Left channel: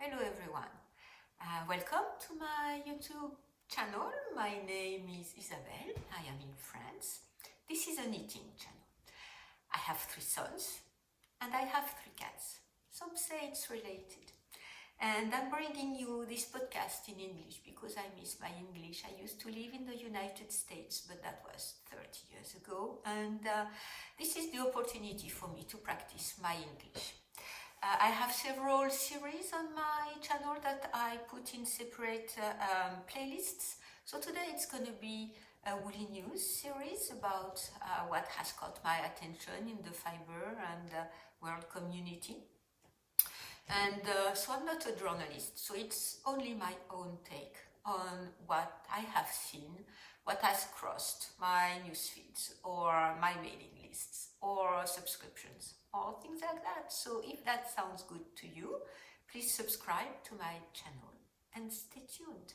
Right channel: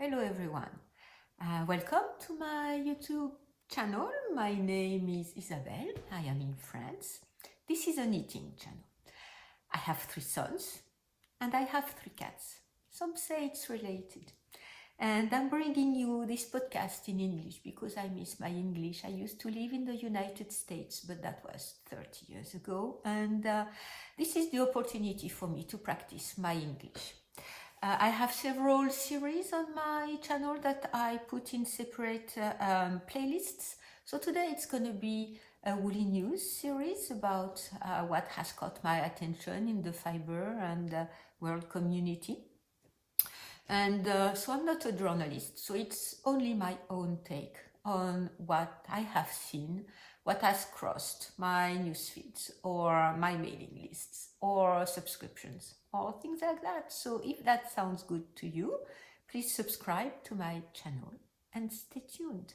Hello everyone, welcome to my YouTube channel. My name is Isabelle, I am in France. This is a knitting channel. I have 3 sons and I have 3 cats. Some say it's related. And I'm bringing you this podcast in English because I miss my English. I used to live in the United States, but that was 30 years ago. And this is the opportunity for me to practice my English. I have several series on my channel that I put in separate playlists. So today it's going to be a Woolly News series about what has caught my attention in the fiber and world community. And so I'm not a journalist, so it's only my own take on what I have seen, what has crossed my news feeds or my mailing lists or subscriptions or things like that. So if that sounds good to you, please subscribe to my channel and stay tuned.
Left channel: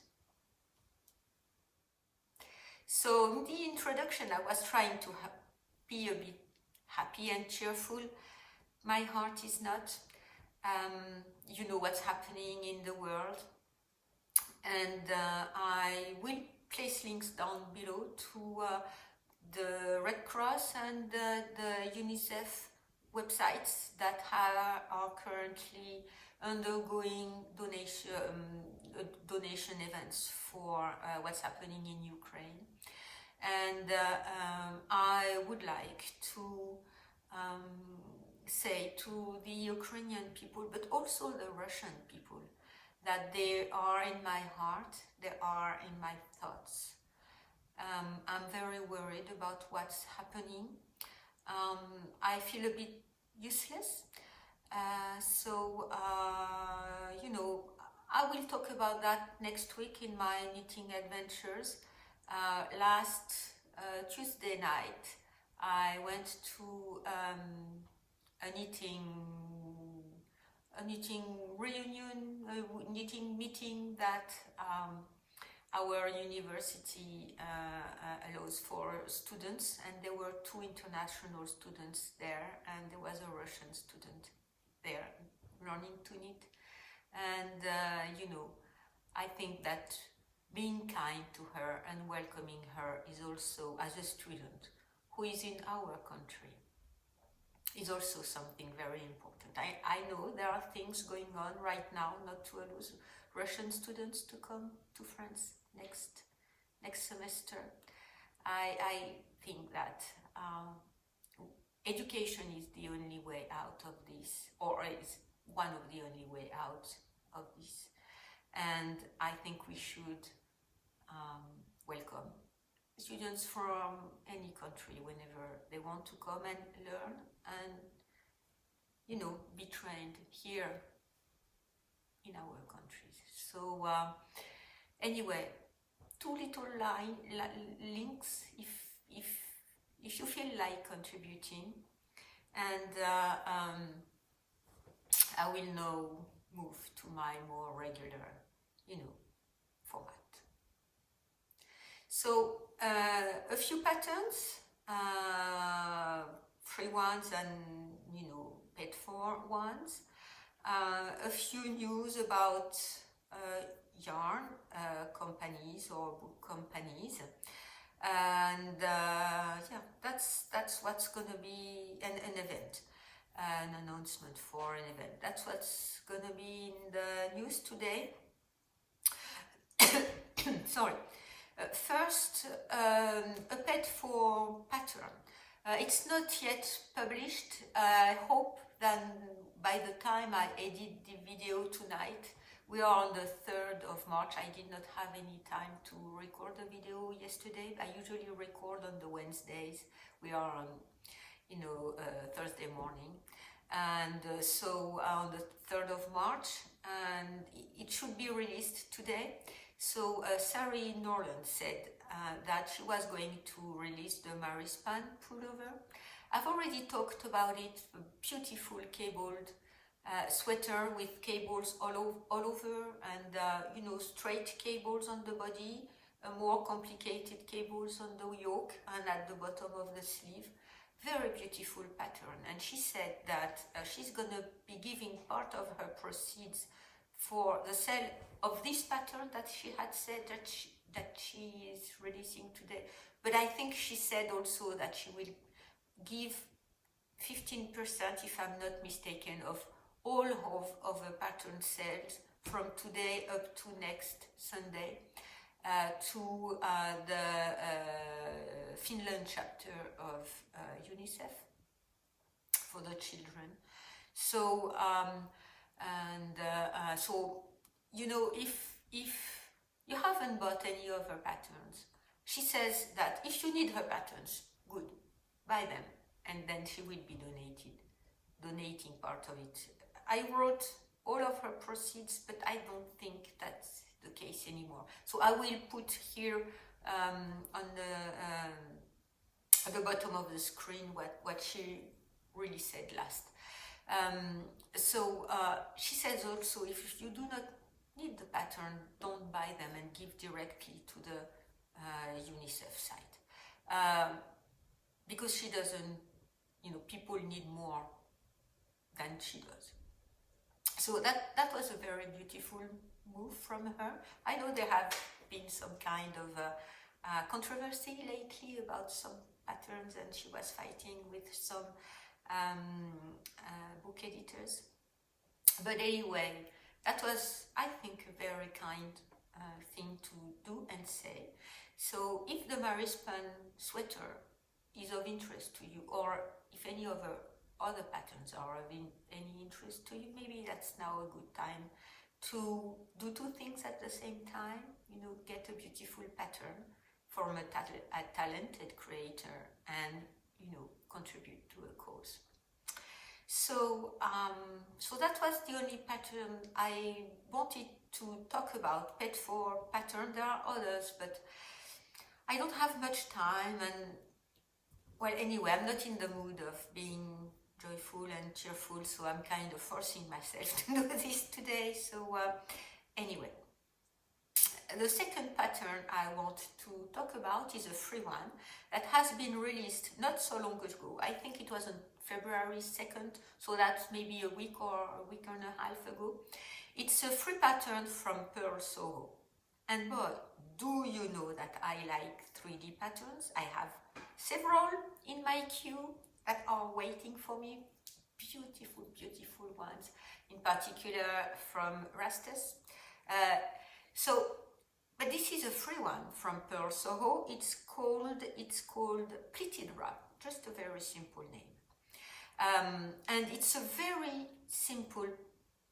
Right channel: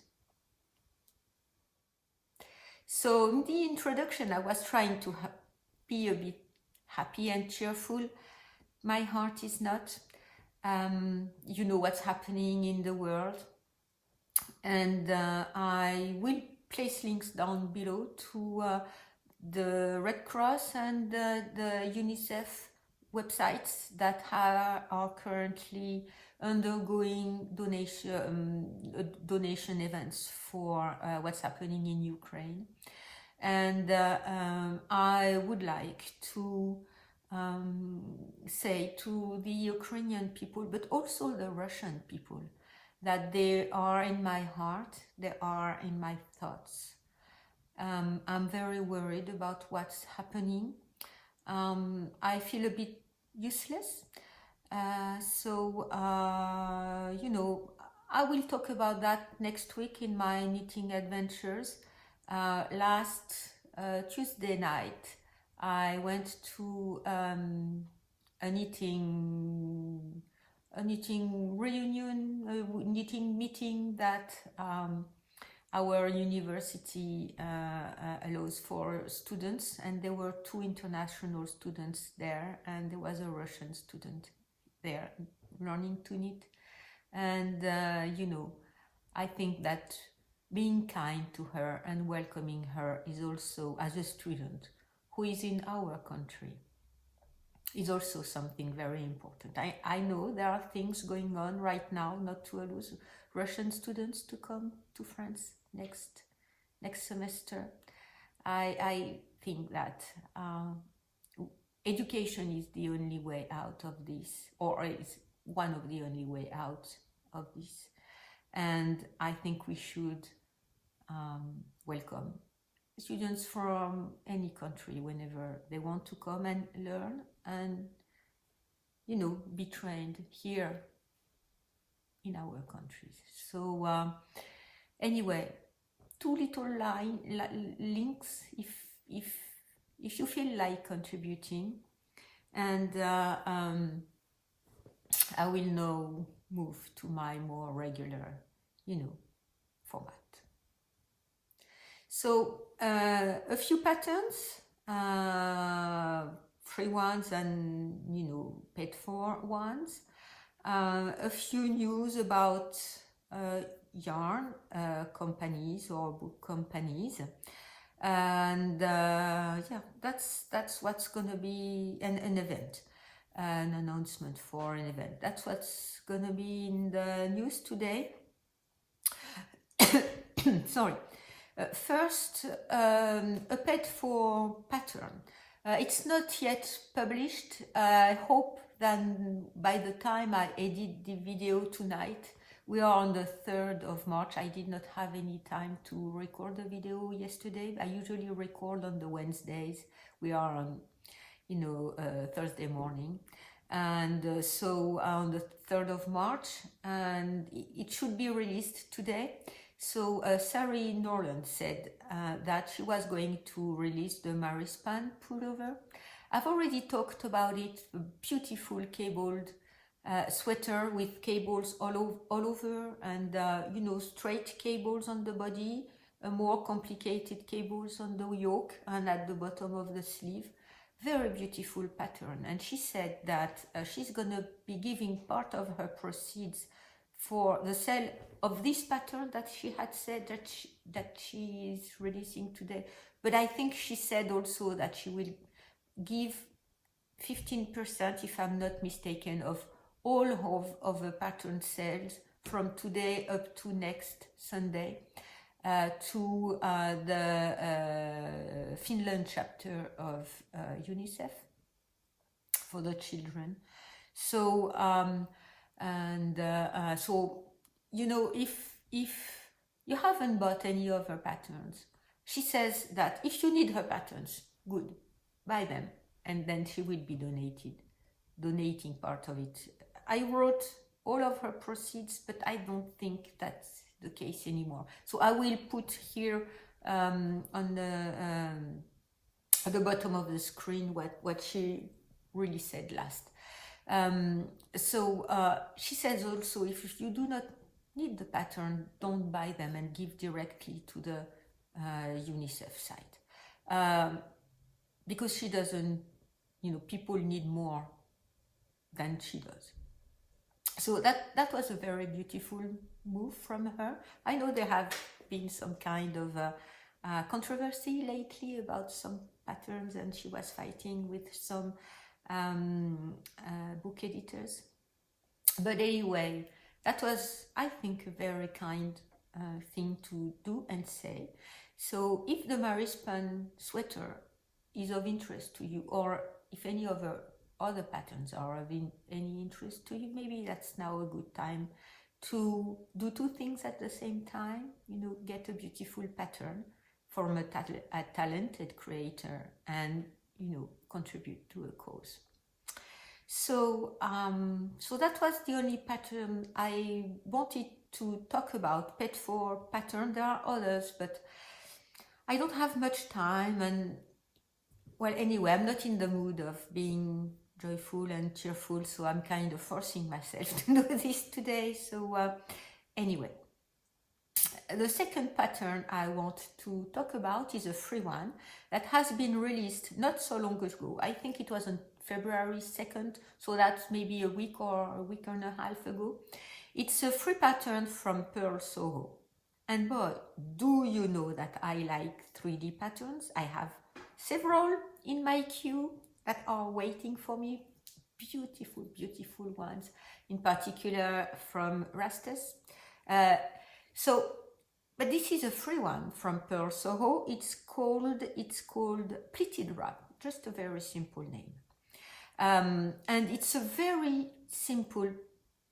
So in the introduction, I was trying to be a bit happy and cheerful. My heart is not. You know what's happening in the world. And I will place links down below to the Red Cross and the UNICEF websites that are currently undergoing donation events for what's happening in Ukraine. And I would like to say to the Ukrainian people, but also the Russian people, that they are in my heart, they are in my thoughts. I'm very worried about what's happening. I feel a bit useless. You know, I will talk about that next week in my knitting adventures. Last Tuesday night, I went to a knitting reunion, knitting meeting that our university allows for students, and there were 2 international students there, and there was a Russian student there learning to knit. And you know, I think that being kind to her and welcoming her is also, as a student who is in our country, is also something very important. I know there are things going on right now not to allow Russian students to come to France next semester. I think that education is the only way out of this, or is one of the only way out of this. And I think we should welcome students from any country whenever they want to come and learn and, you know, be trained here in our countries. So anyway, 2 little links if you feel like contributing, and I will now move to my more regular, you know, format. So a few patterns, free ones and, you know, paid for ones. A few news about yarn companies or book companies, and yeah, that's what's gonna be an event, an announcement for an event. That's what's gonna be in the news today. Sorry. First, a paid for pattern. It's not yet published. I hope that by the time I edit the video tonight, we are on the 3rd of March. I did not have any time to record the video yesterday. I usually record on the Wednesdays. We are on, you know, Thursday morning. And so on the 3rd of March, and it should be released today. So Sari Norland said that she was going to release the Marispan pullover. I've already talked about it, a beautiful cabled sweater with cables all over, and you know, straight cables on the body, more complicated cables on the yoke and at the bottom of the sleeve. Very beautiful pattern. And she said that she's gonna be giving part of her proceeds for the sale of this pattern that she had said that she is releasing today. But I think she said also that she will give 15%, if I'm not mistaken, of all of the pattern sales from today up to next Sunday to the Finland chapter of UNICEF for the children. So so you know, if you haven't bought any of her patterns, she says that if you need her patterns, good, buy them, and then she will be donating part of it. I wrote all of her proceeds, but I don't think that's the case anymore. So I will put here on at the bottom of the screen what she really said last. She says also, if you do not need the pattern, don't buy them and give directly to the UNICEF site. Because she doesn't, you know, people need more than she does. So that was a very beautiful move from her. I know there have been some kind of controversy lately about some patterns, and she was fighting with some book editors. But anyway, that was, I think, a very kind thing to do and say. So if the Marispan sweater is of interest to you, or if any of the other patterns are of any interest to you, maybe that's now a good time to do two things at the same time. You know, get a beautiful pattern from a talented creator, and, you know, contribute to a cause. So so that was the only pattern I wanted to talk about, Pet 4 pattern. There are others, but I don't have much time, and well, anyway, I'm not in the mood of being joyful and cheerful, so I'm kind of forcing myself to do this today. So anyway, the second pattern I want to talk about is a free one that has been released not so long ago. I think it was on February 2nd, so that's maybe a week or a week and a half ago. It's a free pattern from Pearl Soho. And boy, do you know that I like 3D patterns. I have several in my queue that are waiting for me. Beautiful, beautiful ones, in particular from Rastus. But this is a free one from Pearl Soho. It's called Pleated Wrap, just a very simple name. And it's a very simple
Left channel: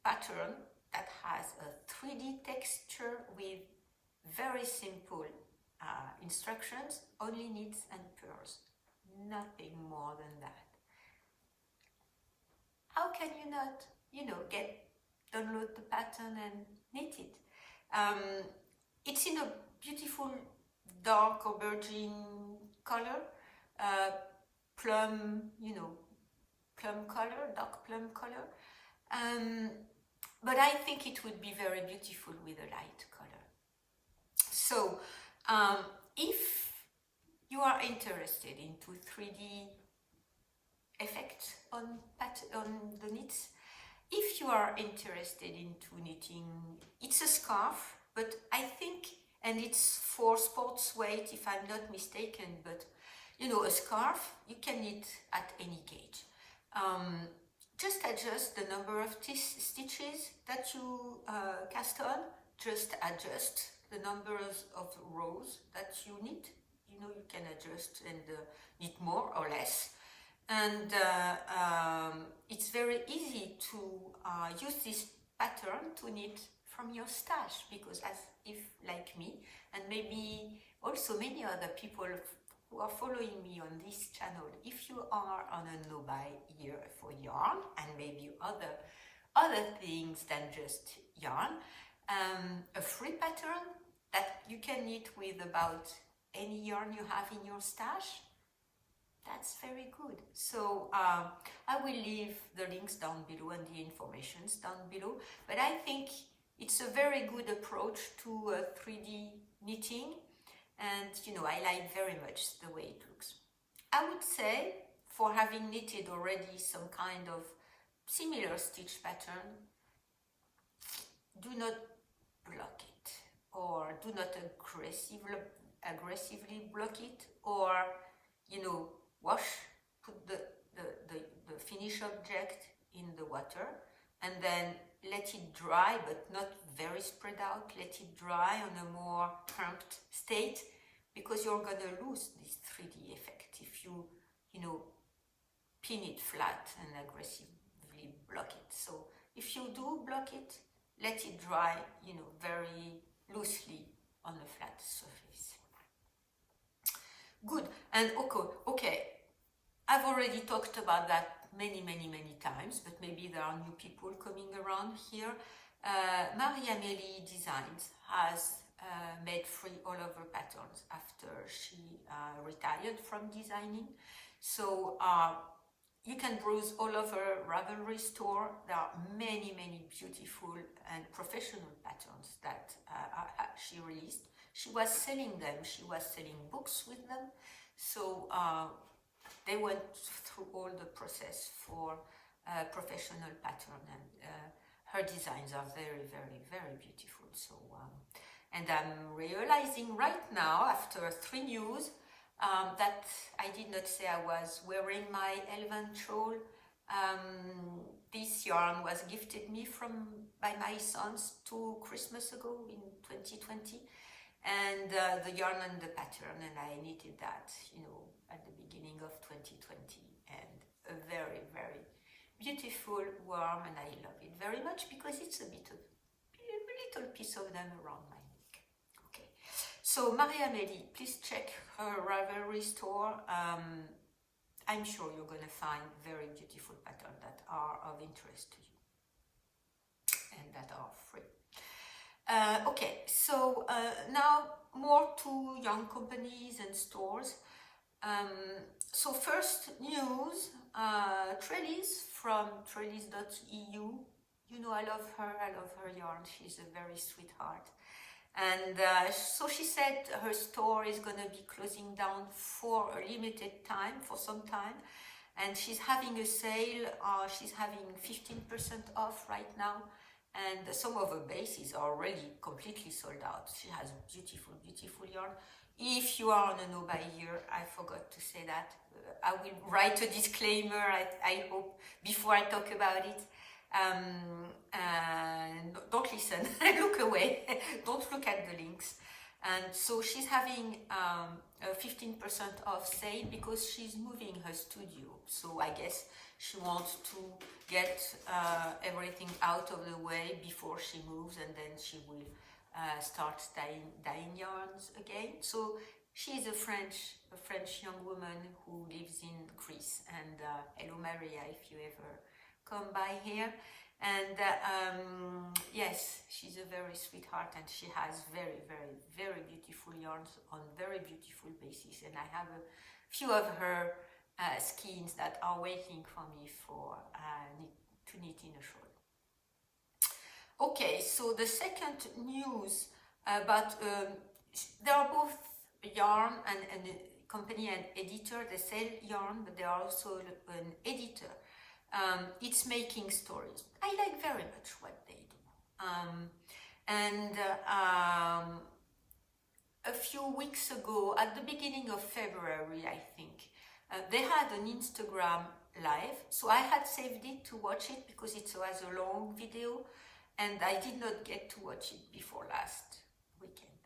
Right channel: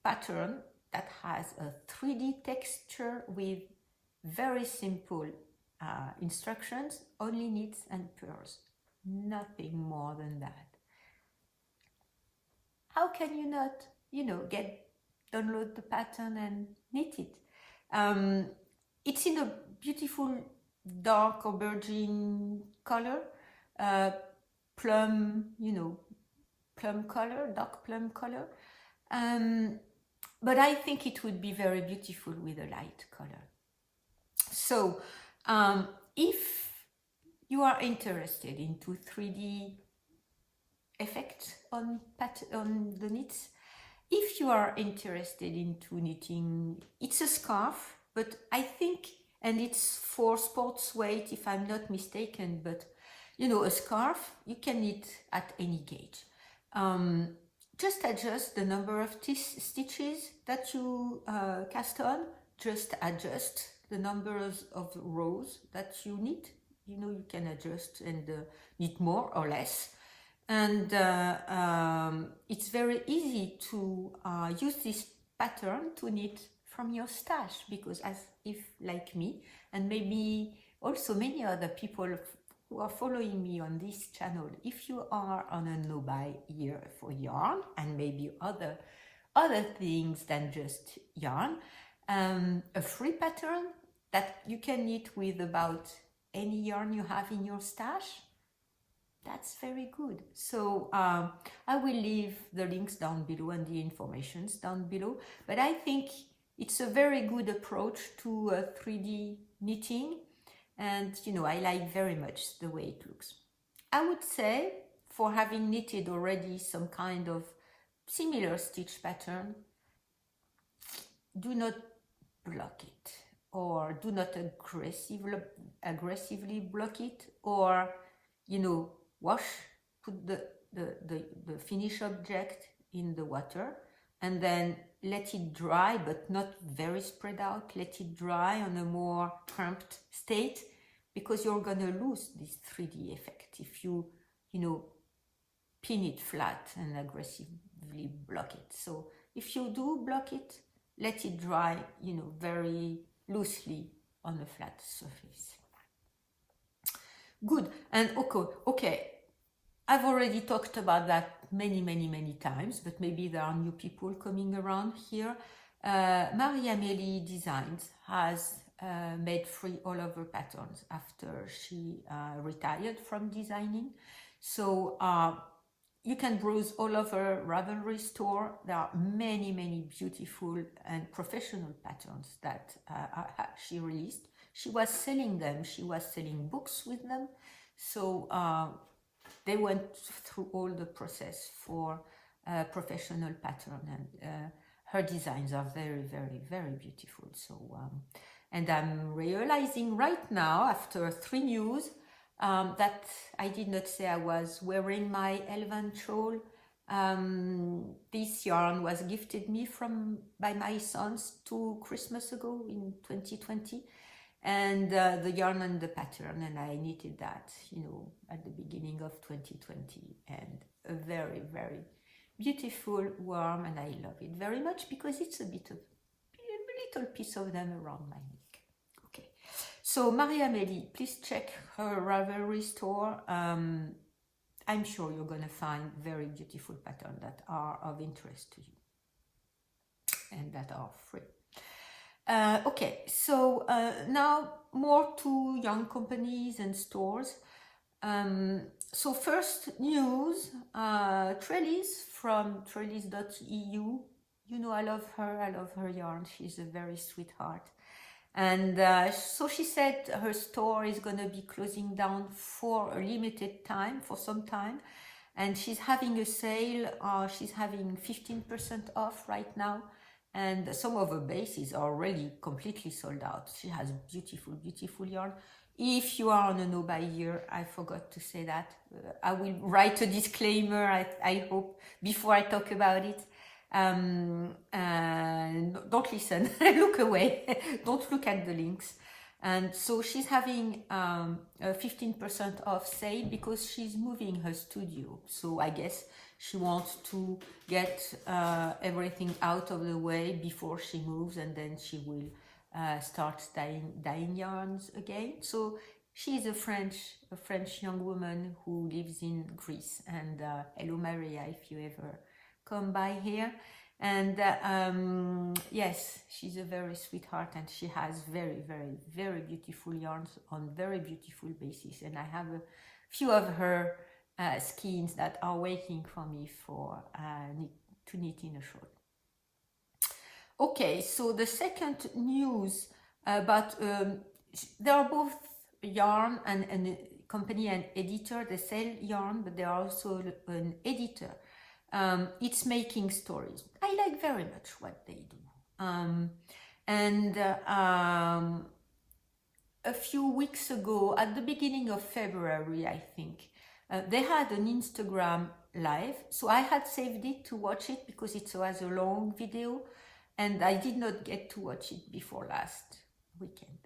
pattern that has a 3D texture with very simple instructions, only knits and purls, nothing more than that. How can you not, you know, download the pattern and knit it? It's in a beautiful dark aubergine color, plum, you know, plum color, dark plum color. But I think it would be very beautiful with a light color. So if you are interested into 3D effects on the knits, if you are interested into knitting, it's a scarf, but I think, and it's for sports weight if I'm not mistaken, but you know, a scarf you can knit at any gauge. Just adjust the number of stitches that you cast on, just adjust the numbers of rows that you knit. You know, you can adjust and knit more or less. And it's very easy to use this pattern to knit from your stash, because as if, like me, and maybe also many other people who are following me on this channel, if you are on a no-buy year for yarn and maybe other things than just yarn, a free pattern that you can knit with about any yarn you have in your stash, that's very good. So I will leave the links down below and the informations down below, but I think it's a very good approach to 3D knitting, and you know, I like very much the way it looks. I would say, for having knitted already some kind of similar stitch pattern, do not block it, or do not aggressively block it, or wash, put the finished object in the water and then let it dry, but not very spread out. Let it dry on a more cramped state, because you're gonna lose this 3D effect if you pin it flat and aggressively block it. So if you do block it, let it dry, very loosely on a flat surface. Good. And okay, I've already talked about that many times, but maybe there are new people coming around here. Marie-Amélie Designs has made free all-over patterns after she retired from designing. So you can browse all over Ravelry store. There are many beautiful and professional patterns that she released. She was selling them. She was selling books with them. So they went through all the process for professional pattern, and her designs are very beautiful. So and I'm realizing right now, after 3 news, that I did not say I was wearing my elephant shawl. This yarn was gifted me by my sons 2 Christmas ago in 2020, and the yarn and the pattern, and I knitted that at the beginning of 2020, and a very beautiful warm, and I love it very much because it's a little piece of them around my neck. Okay, so Marie-Amélie, please check her Ravelry store. I'm sure you're gonna find very beautiful patterns that are of interest to you and that are free. Okay, so now more to young companies and stores. So first news, Trellis from trellis.eu. I love her yarn. She's a very sweetheart. And so she said her store is going to be closing down for a limited time, for some time. And she's having a sale. She's having 15% off right now. And some of her bases are already completely sold out. She has beautiful yarn. If you are on a no-buy year, I forgot to say that. I will write a disclaimer, I hope, before I talk about it. Don't listen, look away, don't look at the links. And so she's having a 15% off sale because she's moving her studio. So I guess she wants to get everything out of the way before she moves, and then she will start dyeing yarns again. So she's a French young woman who lives in Greece. And hello Maria, if you ever come by here. And yes, she's a very sweetheart, and she has very beautiful yarns on very beautiful bases. And I have a few of her skeins that are waiting for me to knit in a short. Okay, so the second news about they are both yarn and company and editor. They sell yarn, but they are also an editor. It's Making Stories. I like very much what they do. A few weeks ago, at the beginning of February, I think, they had an Instagram live. So I had saved it to watch it because it was a long video, and I did not get to watch it before last weekend.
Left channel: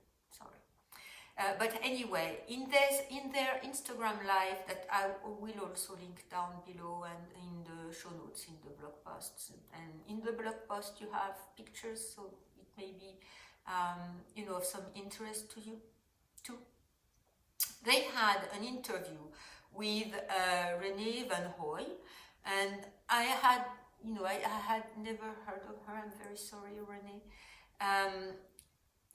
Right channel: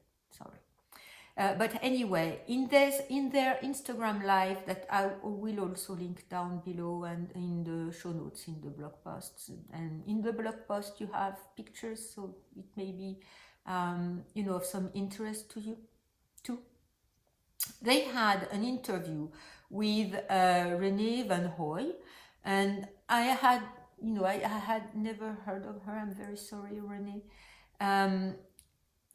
But anyway, in their Instagram live that I will also link down below and in the show notes, in the blog posts. And in the blog post you have pictures, so it may be of some interest to you too. They had an interview with Renee Van Hooy, and I had never heard of her. I'm very sorry, Renee.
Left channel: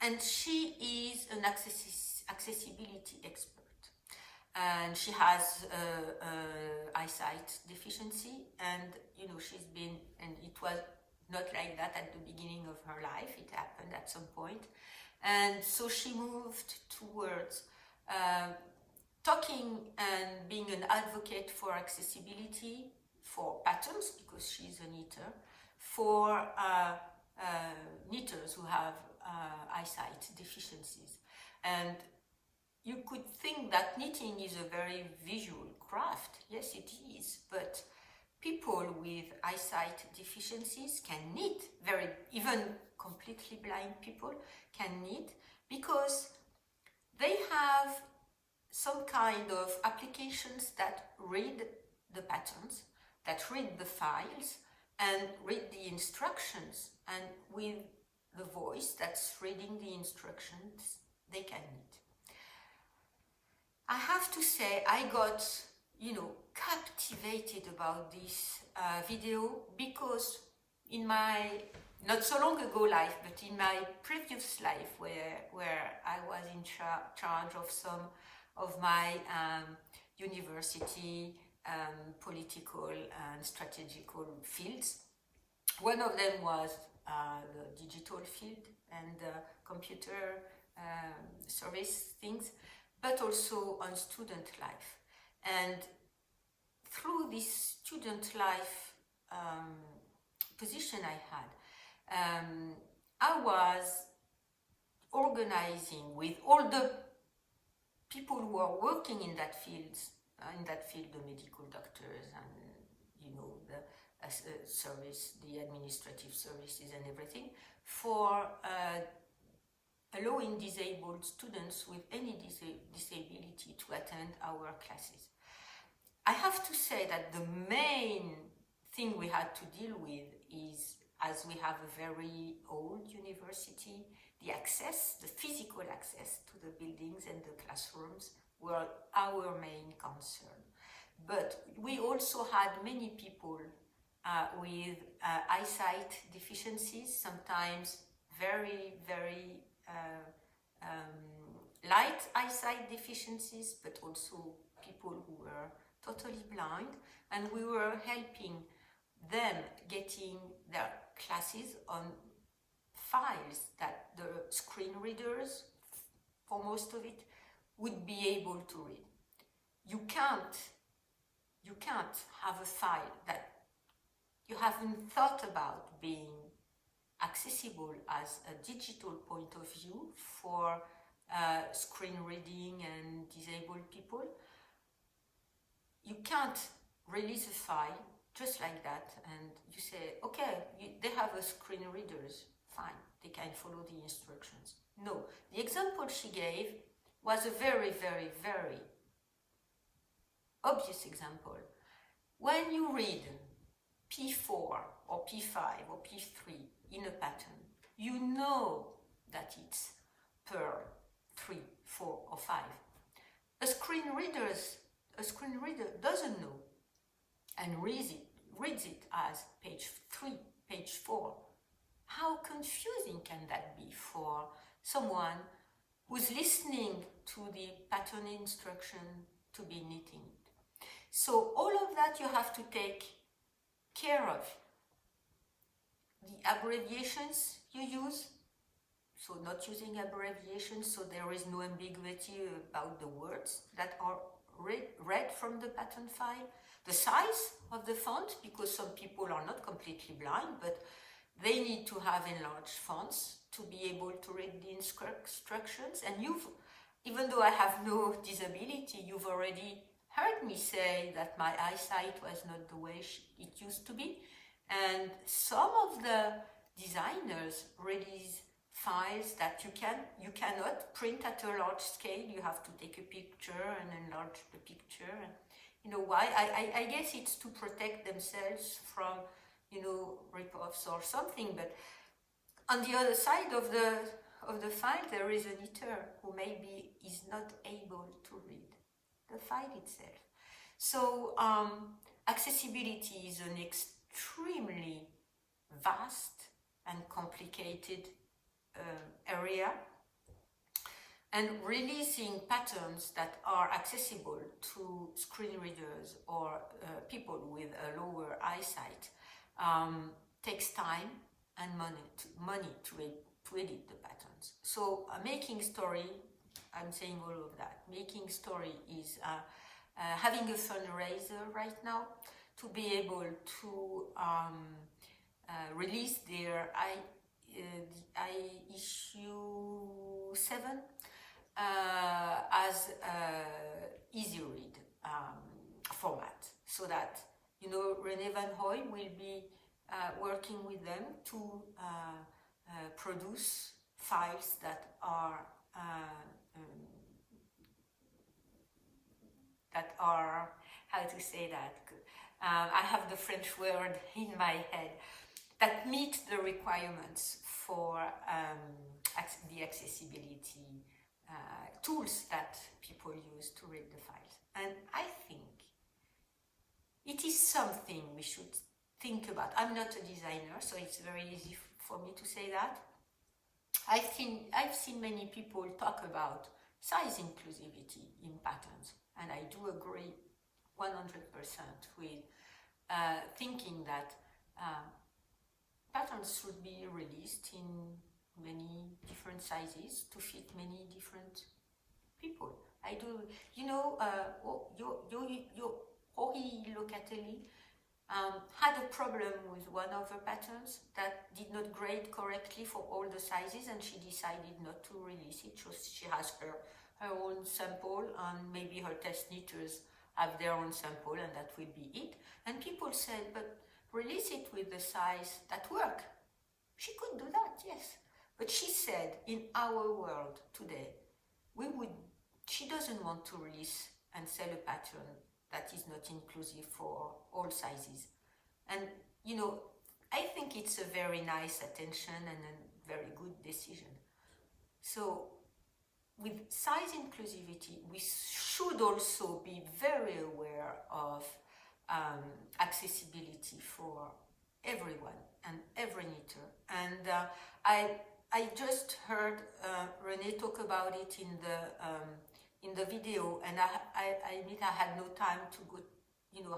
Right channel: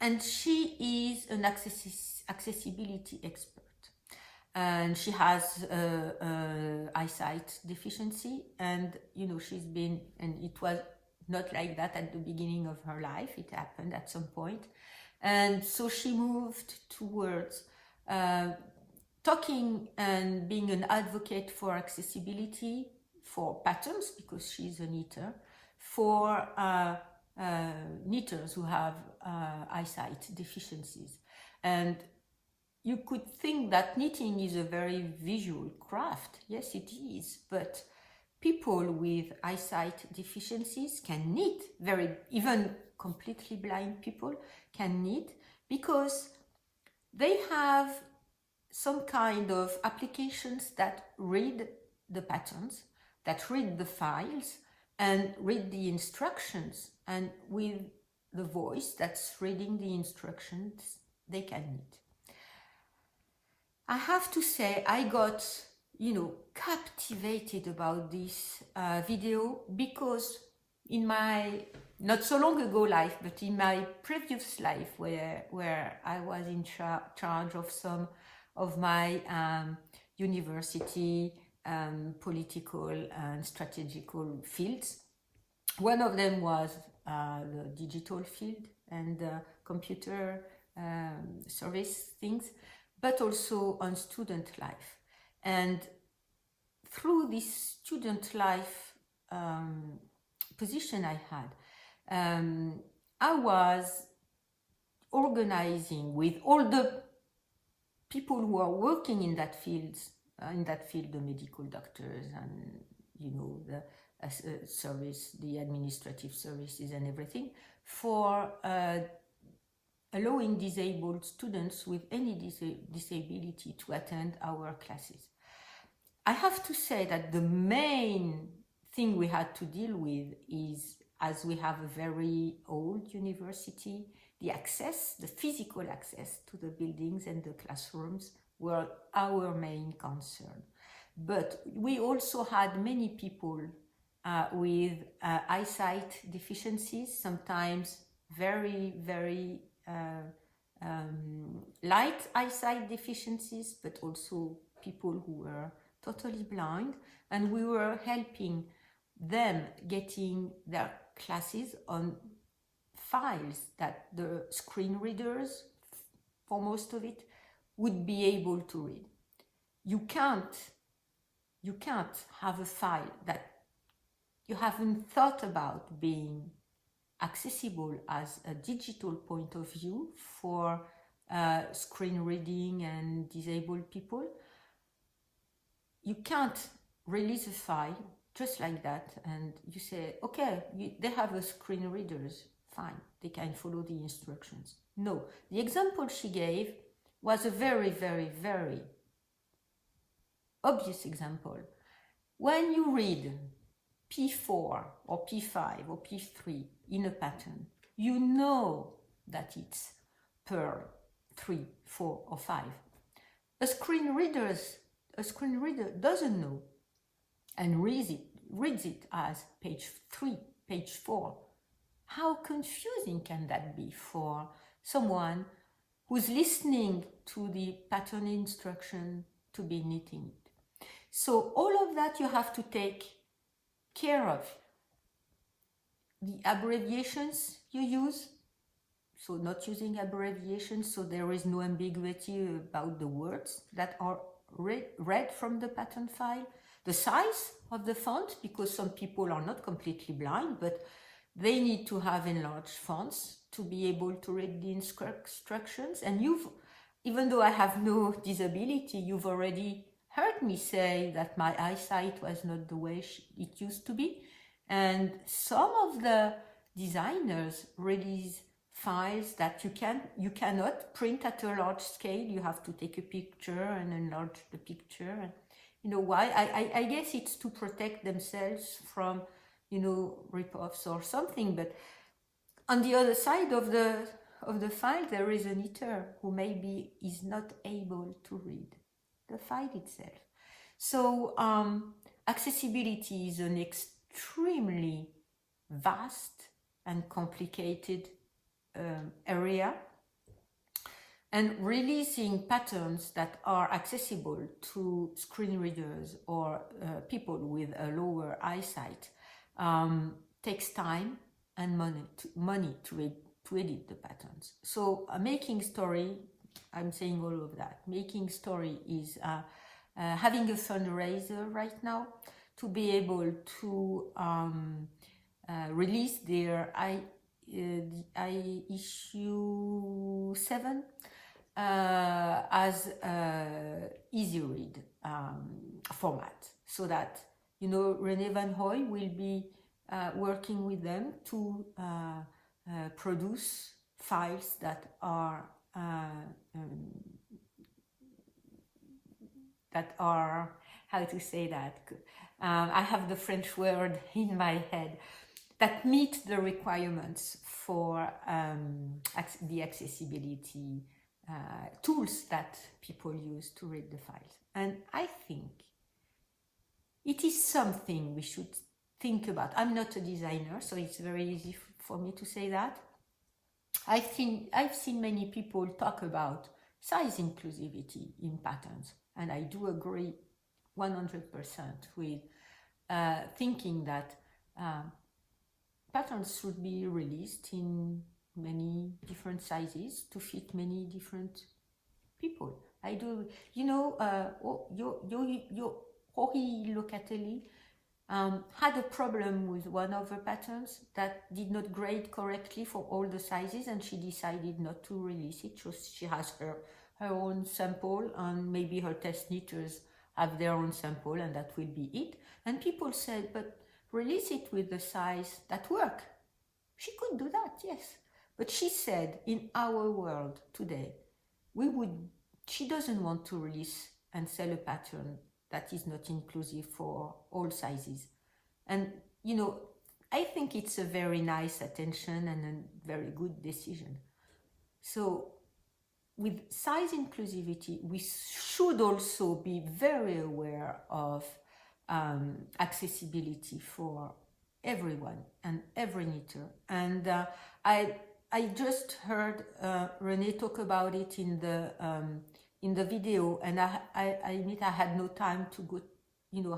And she is an accessibility expert, and she has eyesight deficiency, and she's been, and it was not like that at the beginning of her life. It happened at some point, and so she moved towards talking and being an advocate for accessibility, for patterns, because she's a knitter, for knitters who have eyesight deficiencies. And you could think that knitting is a very visual craft. Yes, it is, but people with eyesight deficiencies can knit, even completely blind people can knit, because they have some kind of applications that read the patterns, that read the files, and read the instructions, and with the voice that's reading the instructions, they can knit. I have to say, I got, captivated about this video, because in my not so long ago life, but in my previous life, where I was in charge of some of my university political and strategical fields. One of them was the digital field and computer service things, but also on student life. And through this student life position I had, I was organizing with all the people who are working in that field, the medical doctors and the service, the administrative services and everything, for allowing disabled students with any disability to attend our classes. I have to say that the main thing we had to deal with is, as we have a very old university, the physical access to the buildings and the classrooms were our main concern. But we also had many people with eyesight deficiencies, sometimes very, very light eyesight deficiencies, but also people who were totally blind, and we were helping them getting their classes on files that the screen readers, for most of it, would be able to read. You can't have a file that you haven't thought about being accessible as a digital point of view for screen reading and disabled people. You can't release a file just like that and you say, okay, they have a screen readers, fine, they can follow the instructions. No, the example she gave was a very, very, very obvious example. When you read P4 or P5 or P3 in a pattern, you know that it's per 3, 4 or 5. A screen reader doesn't know and reads it as page 3, page 4. How confusing can that be for someone who's listening to the pattern instruction to be knitting it? So all of that you have to take care of. The abbreviations you use, so not using abbreviations so there is no ambiguity about the words that are read from the pattern file. The size of the font, because some people are not completely blind, but they need to have enlarged fonts to be able to read the instructions. And even though I have no disability, you've already heard me say that my eyesight was not the way it used to be. And some of the designers release files that you cannot print at a large scale. You have to take a picture and enlarge the picture. You know why? I guess it's to protect themselves from, rip-offs or something. But on the other side of the file, there is a knitter who maybe is not able to read the file itself. So accessibility is an extremely vast and complicated area, and releasing patterns that are accessible to screen readers or people with a lower eyesight takes time and money to edit the patterns. So making story, I'm saying all of that. Making story is having a fundraiser right now to be able to release their I issue 7 as easy read format, so that René Van Hoy will be working with them to produce files that are how to say that? I have the French word in my head, that meet the requirements for the accessibility tools that people use to read the files. And I think it is something we should think about. I'm not a designer, so it's very easy for me to say that. I've seen many people talk about size inclusivity in patterns, and I do agree 100% with thinking that patterns should be released in many different sizes to fit many different people. I do, Jorge Locatelli had a problem with one of the patterns that did not grade correctly for all the sizes, and she decided not to release it. So she has her own sample, and maybe her test knitters have their own sample, and that will be it. And people said, but release it with the size that work. She could do that, yes. But she said, in our world today, she doesn't want to release and sell a pattern that is not inclusive for all sizes. And, I think it's a very nice attention and a very good decision. So with size inclusivity, we should also be very aware of accessibility for everyone and every knitter. And I just heard René talk about it in the video, and I admit I had no time to go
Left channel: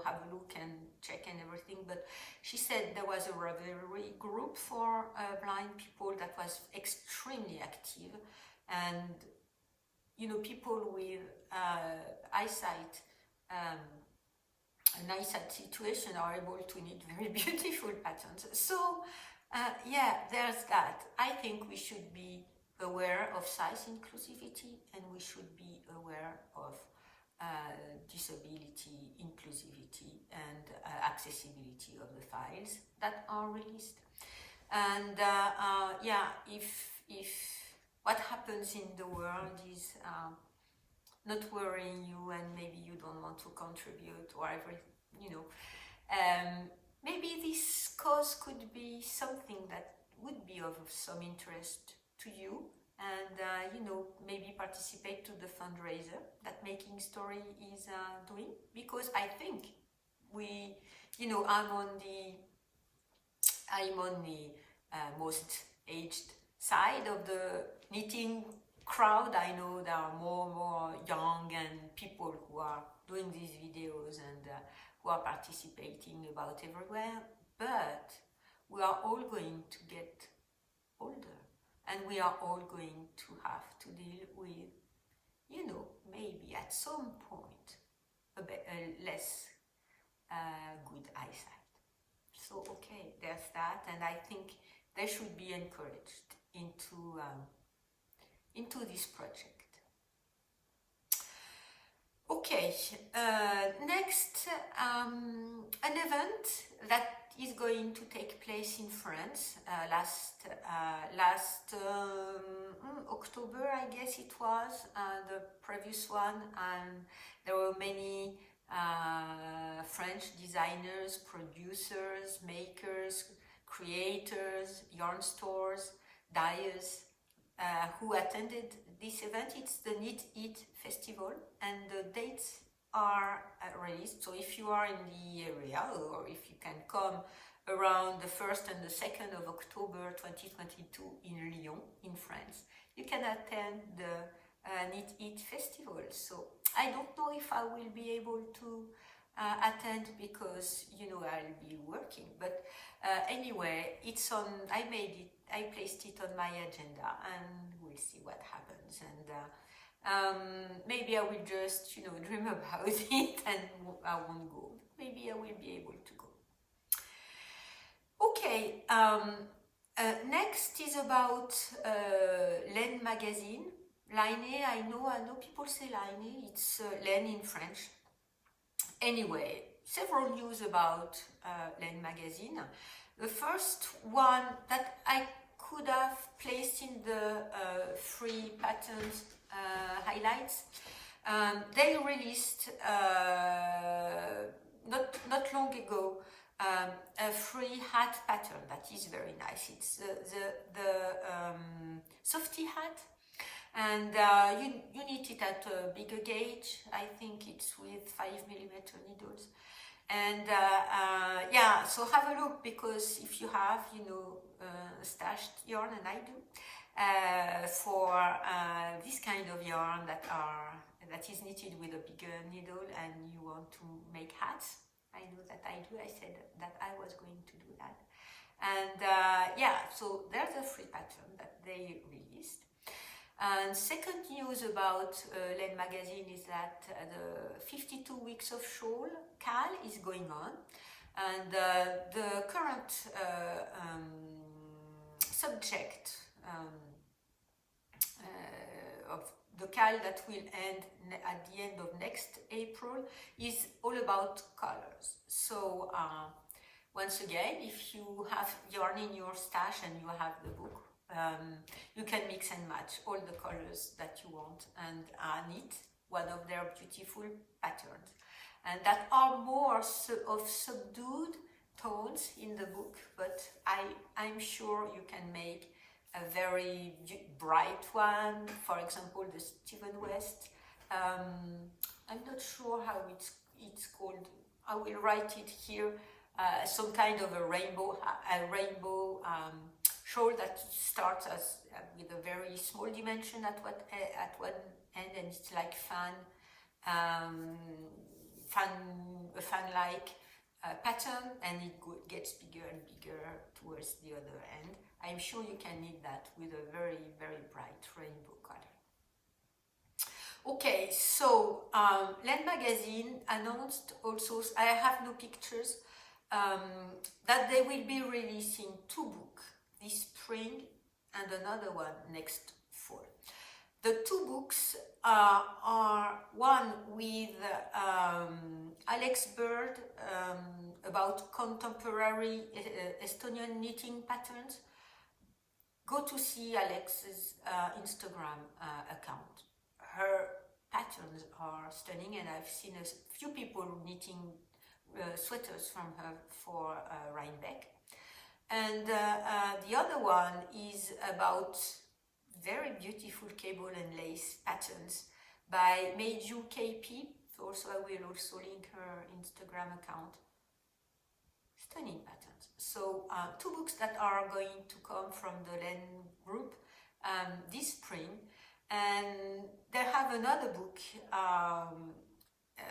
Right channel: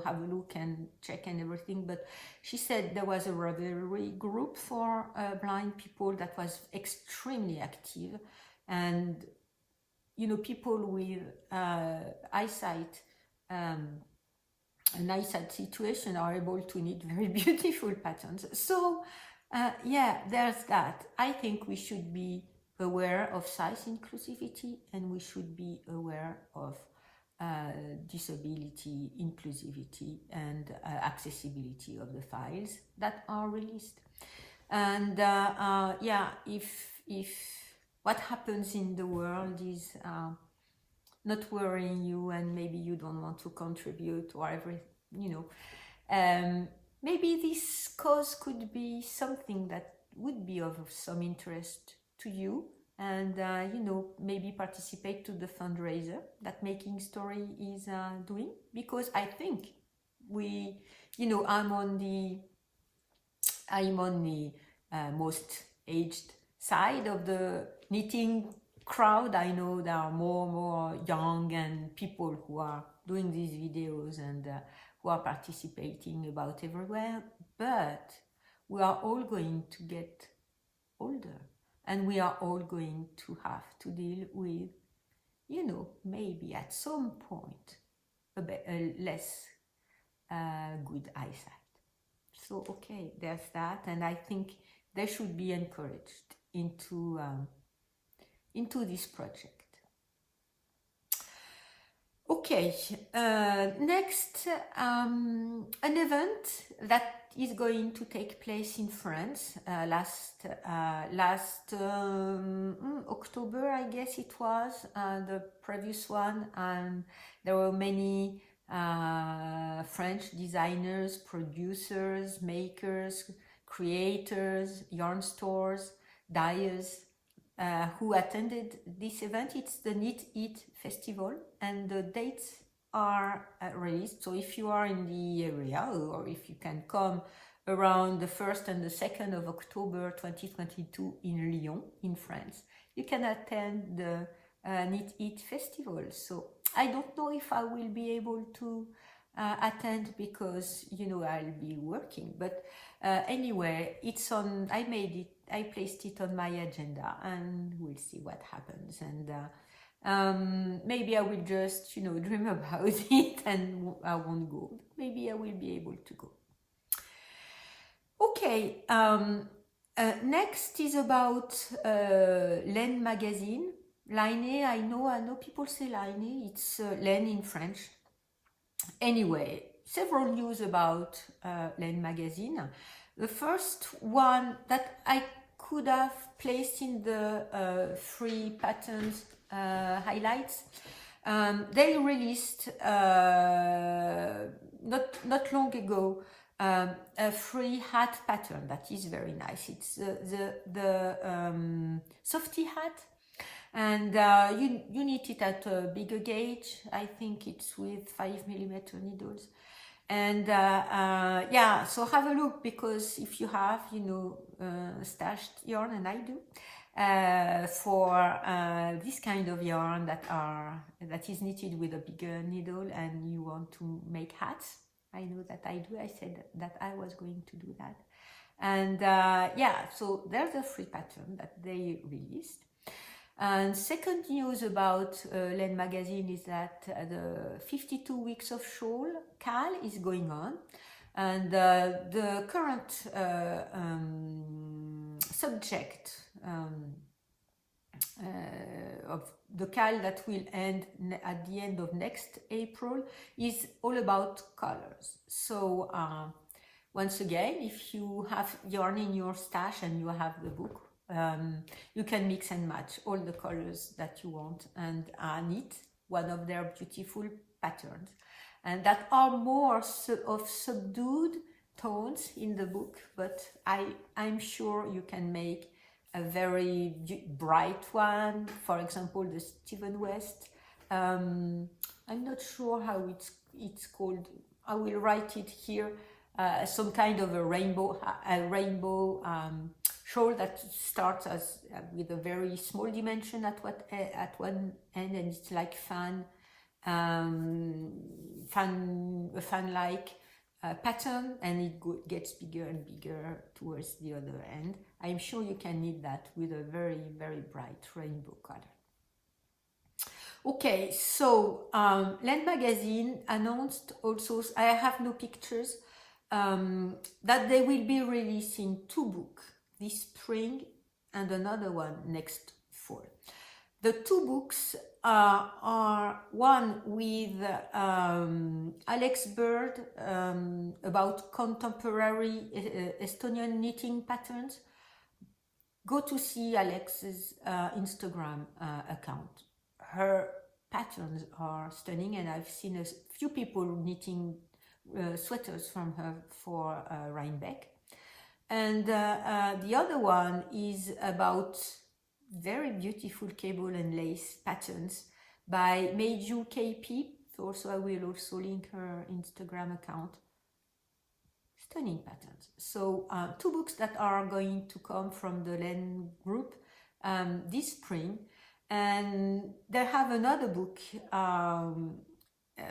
have a look and check and everything, but she said there was a Ravelry group for blind people that was extremely active, and people with eyesight an eyesight situation are able to knit very beautiful patterns. So yeah, there's that. I think we should be aware of size inclusivity, and we should be aware of disability inclusivity and accessibility of the files that are released. And yeah, if what happens in the world is not worrying you, and maybe you don't want to contribute or maybe this cause could be something that would be of some interest to you, and maybe participate to the fundraiser that Making Story is doing, because I think I'm on the most aged side of the knitting crowd. I know there are more young and people who are doing these videos and who are participating about everywhere, but we are all going to get older, and we are all going to have to deal with, maybe at some point a less good eyesight. So okay, there's that, and I think they should be encouraged into this project. Okay, next, an event that is going to take place in France last October, I guess it was, the previous one, and there were many French designers, producers, makers, creators, yarn stores, dyers who attended this event. It's the Knit It Festival, and the dates are released. So if you are in the area, or if you can come around the 1st and the 2nd of October 2022 in Lyon, in France, you can attend the Knit It Festival. So I don't know if I will be able to attend, because I'll be working, but anyway, it's on. I placed it on my agenda, and we'll see what happens. And maybe I will just dream about it and I won't go. Maybe I will be able to go. Okay, Next is about Laine magazine. Laine, I know people say Laine, it's Laine in French. Anyway, several news about Laine magazine. The first one that I could have placed in the free patterns highlights. They released not long ago a free hat pattern that is very nice. It's the softy hat, and you knit it at a bigger gauge. I think it's with 5mm needles. And yeah, so have a look, because if you have, stashed yarn, and I do, for this kind of yarn that is knitted with a bigger needle, and you want to make hats, I know that I do. I said that I was going to do that. And yeah, so there's a free pattern that they released. And second news about Laine magazine is that the 52 weeks of shawl CAL is going on, and the current subject of the CAL that will end at the end of next April is all about colors. So once again, if you have yarn in your stash and you have the book, you can mix and match all the colors that you want and knit one of their beautiful patterns, and that are more of subdued tones in the book, but I'm sure you can make a very bright one. For example, the Stephen West. I'm not sure how it's called. I will write it here. Some kind of a rainbow shawl that starts as with a very small dimension at one end, and it's like fan-like pattern, and it gets bigger and bigger towards the other end. I'm sure you can knit that with a very, very bright rainbow color. Okay, so Laine magazine announced also, I have no pictures, that they will be releasing 2 books this spring and another one next fall. The 2 books are one with Alex Bird about contemporary Estonian knitting patterns. Go to see Alex's Instagram account. Her patterns are stunning, and I've seen a few people knitting sweaters from her for Rhinebeck. And the other one is about very beautiful cable and lace patterns by Meiju KP. Also, I will also link her Instagram account. Stunning patterns. So 2 books that are going to come from the Laine group this spring, and they have another book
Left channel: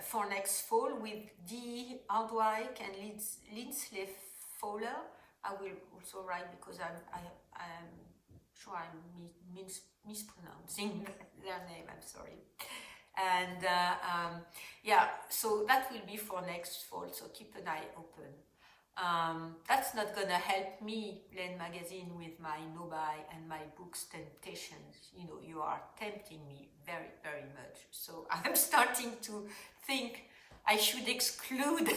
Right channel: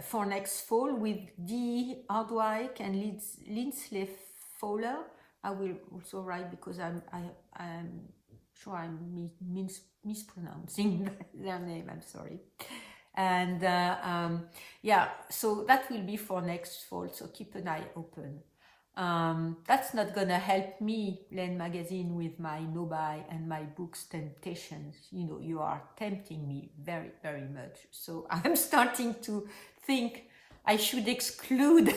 for next fall with Dee Hardwick and Lindsay Fowler. I will also write, because I'm sure I'm mispronouncing their name, I'm sorry. And yeah, so that will be for next fall, so keep an eye open. That's not gonna help me, Laine magazine, with my no-buy and my books temptations. You are tempting me very, very much. So I'm starting to think I should exclude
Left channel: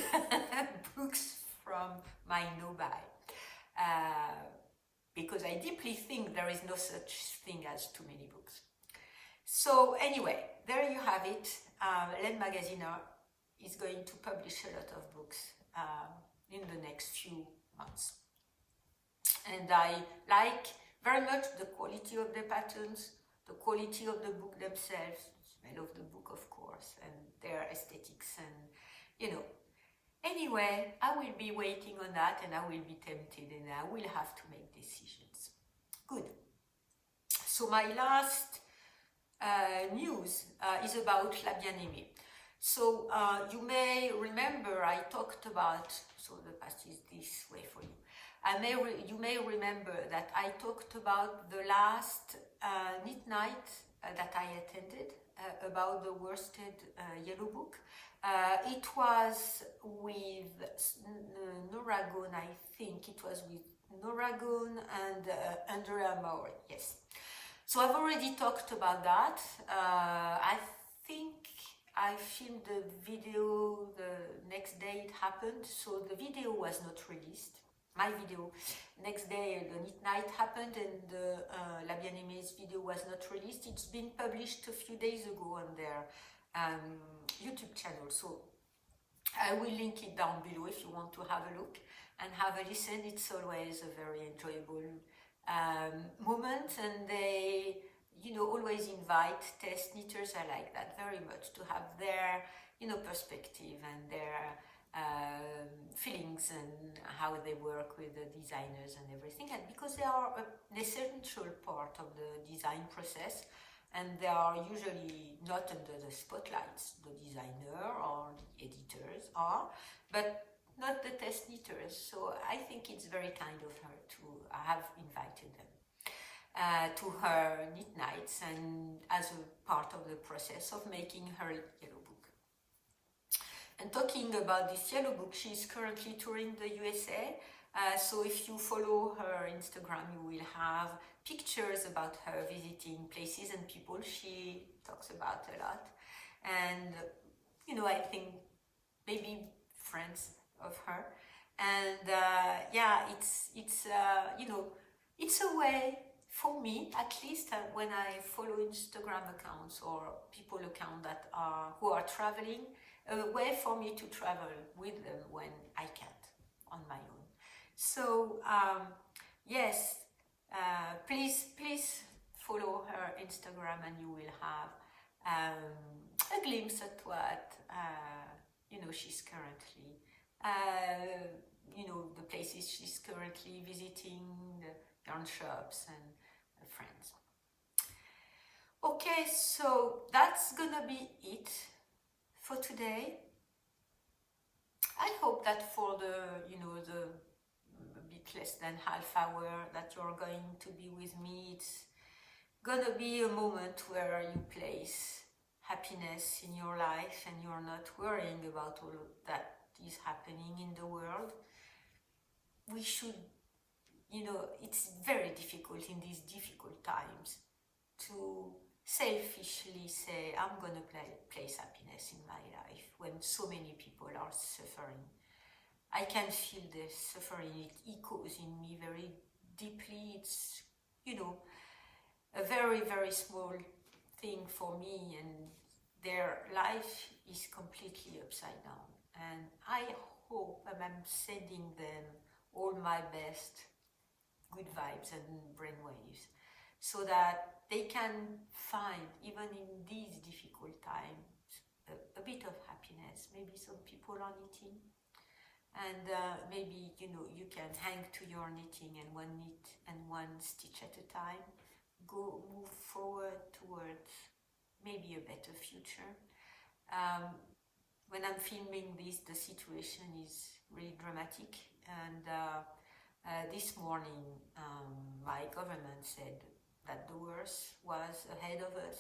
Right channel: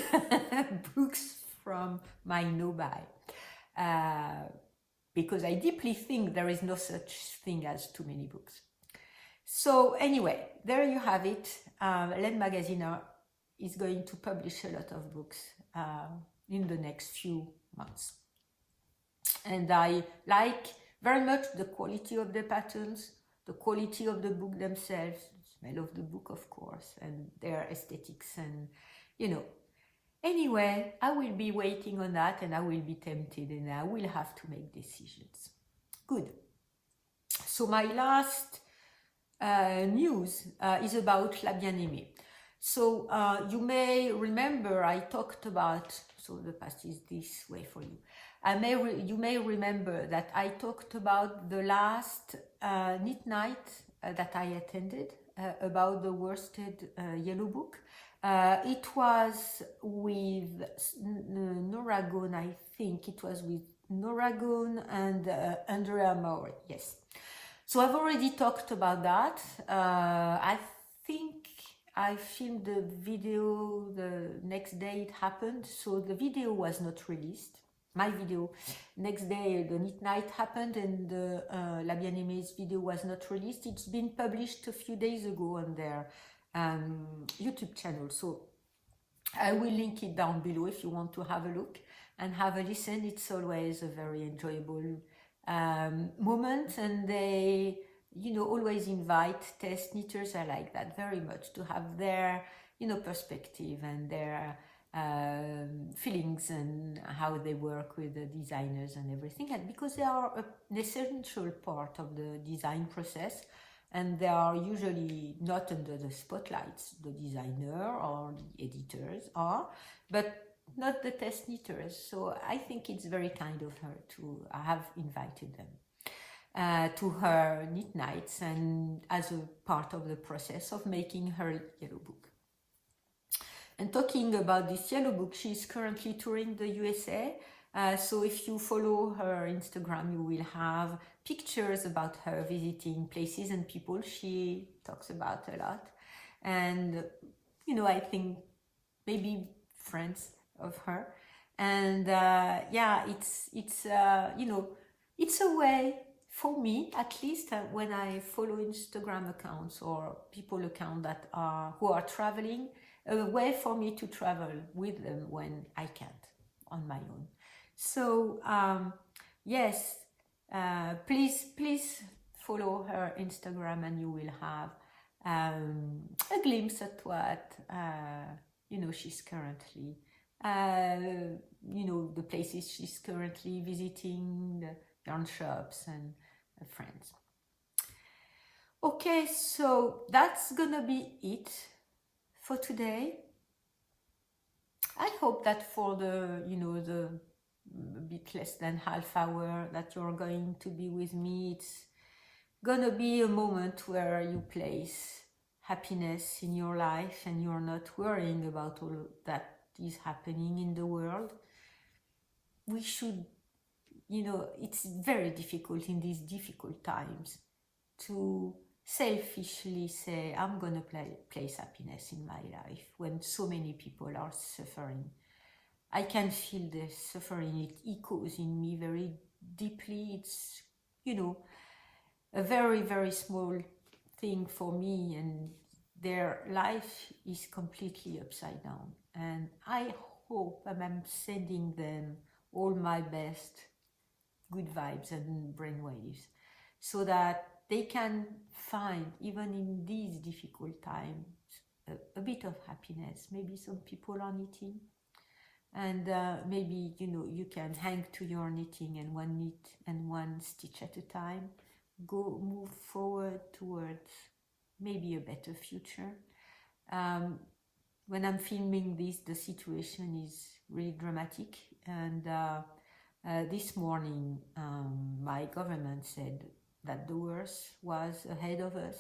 books from my no-buy. Because I deeply think there is no such thing as too many books. So anyway, there you have it. Laine magazine is going to publish a lot of books in the next few months. And I like very much the quality of the patterns, the quality of the book themselves, the smell of the book, of course, and their aesthetics, and Anyway, I will be waiting on that, and I will be tempted, and I will have to make decisions. Good. So my last news is about Flabby Anime. So you may remember I talked about, so the past is this way for you. You may remember that I talked about the last knit night that I attended about the worsted yellow book. It was with Noragon, I think. It was with Noragon and Andrea Maury. Yes. So I've already talked about that. I think I filmed the video the next day it happened. So the video was not released. My video. Next day the Knit Night happened and the Flabby Anime's video was not released. It's been published a few days ago on their YouTube channel. So I will link it down below if you want to have a look and have a listen. It's always a very enjoyable moment, and they, you know, always invite test knitters. I like that very much, to have their, you know, perspective and their feelings and how they work with the designers and everything, and because they are an essential part of the design process, and they are usually not under the spotlights. The designer or the editors are, but not the test knitters. So I think it's very kind of her to have invited them to her knit nights, and as a part of the process of making her yellow book. And talking about this yellow book, she's currently touring the USA. So if you follow her Instagram, you will have pictures about her visiting places and people she talks about a lot. And, you know, I think maybe friends of her. And yeah, it's you know, it's a way for me, at least, when I follow Instagram accounts or people account that are who are traveling, a way for me to travel with them when I can't on my own. So yes, please follow her Instagram, and you will have a glimpse at what you know, she's currently you know, the places she's currently visiting, the yarn shops and friends. Okay, so that's gonna be it for today. I hope that for the, you know, the bit less than half hour that you're going to be with me, it's gonna be a moment where you place happiness in your life and you're not worrying about all that is happening in the world. We should, you know, it's very difficult in these difficult times to selfishly say, I'm gonna place happiness in my life when so many people are suffering. I can feel the suffering, it echoes in me very deeply. It's, you know, a very, very small thing for me, and their life is completely upside down. And I hope, and I'm sending them all my best good vibes and brainwaves, so that they can find, even in these difficult times, a bit of happiness. Maybe some people are knitting, and maybe, you know, you can hang to your knitting, and one knit and one stitch at a time, move forward towards maybe a better future. When I'm filming this, the situation is really dramatic, and this morning my government said that the worst was ahead of us.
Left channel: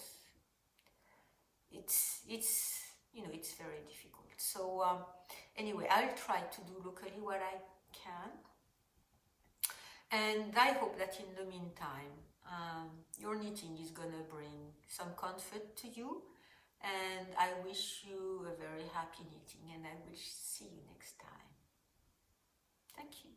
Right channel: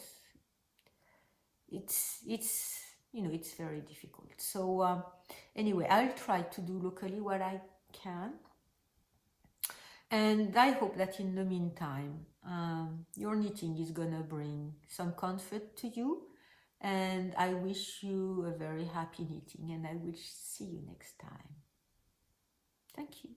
It's you know, it's very difficult. So anyway, I'll try to do locally what I can, and I hope that in the meantime your knitting is gonna bring some comfort to you, and I wish you a very happy knitting, and I will see you next time. Thank you.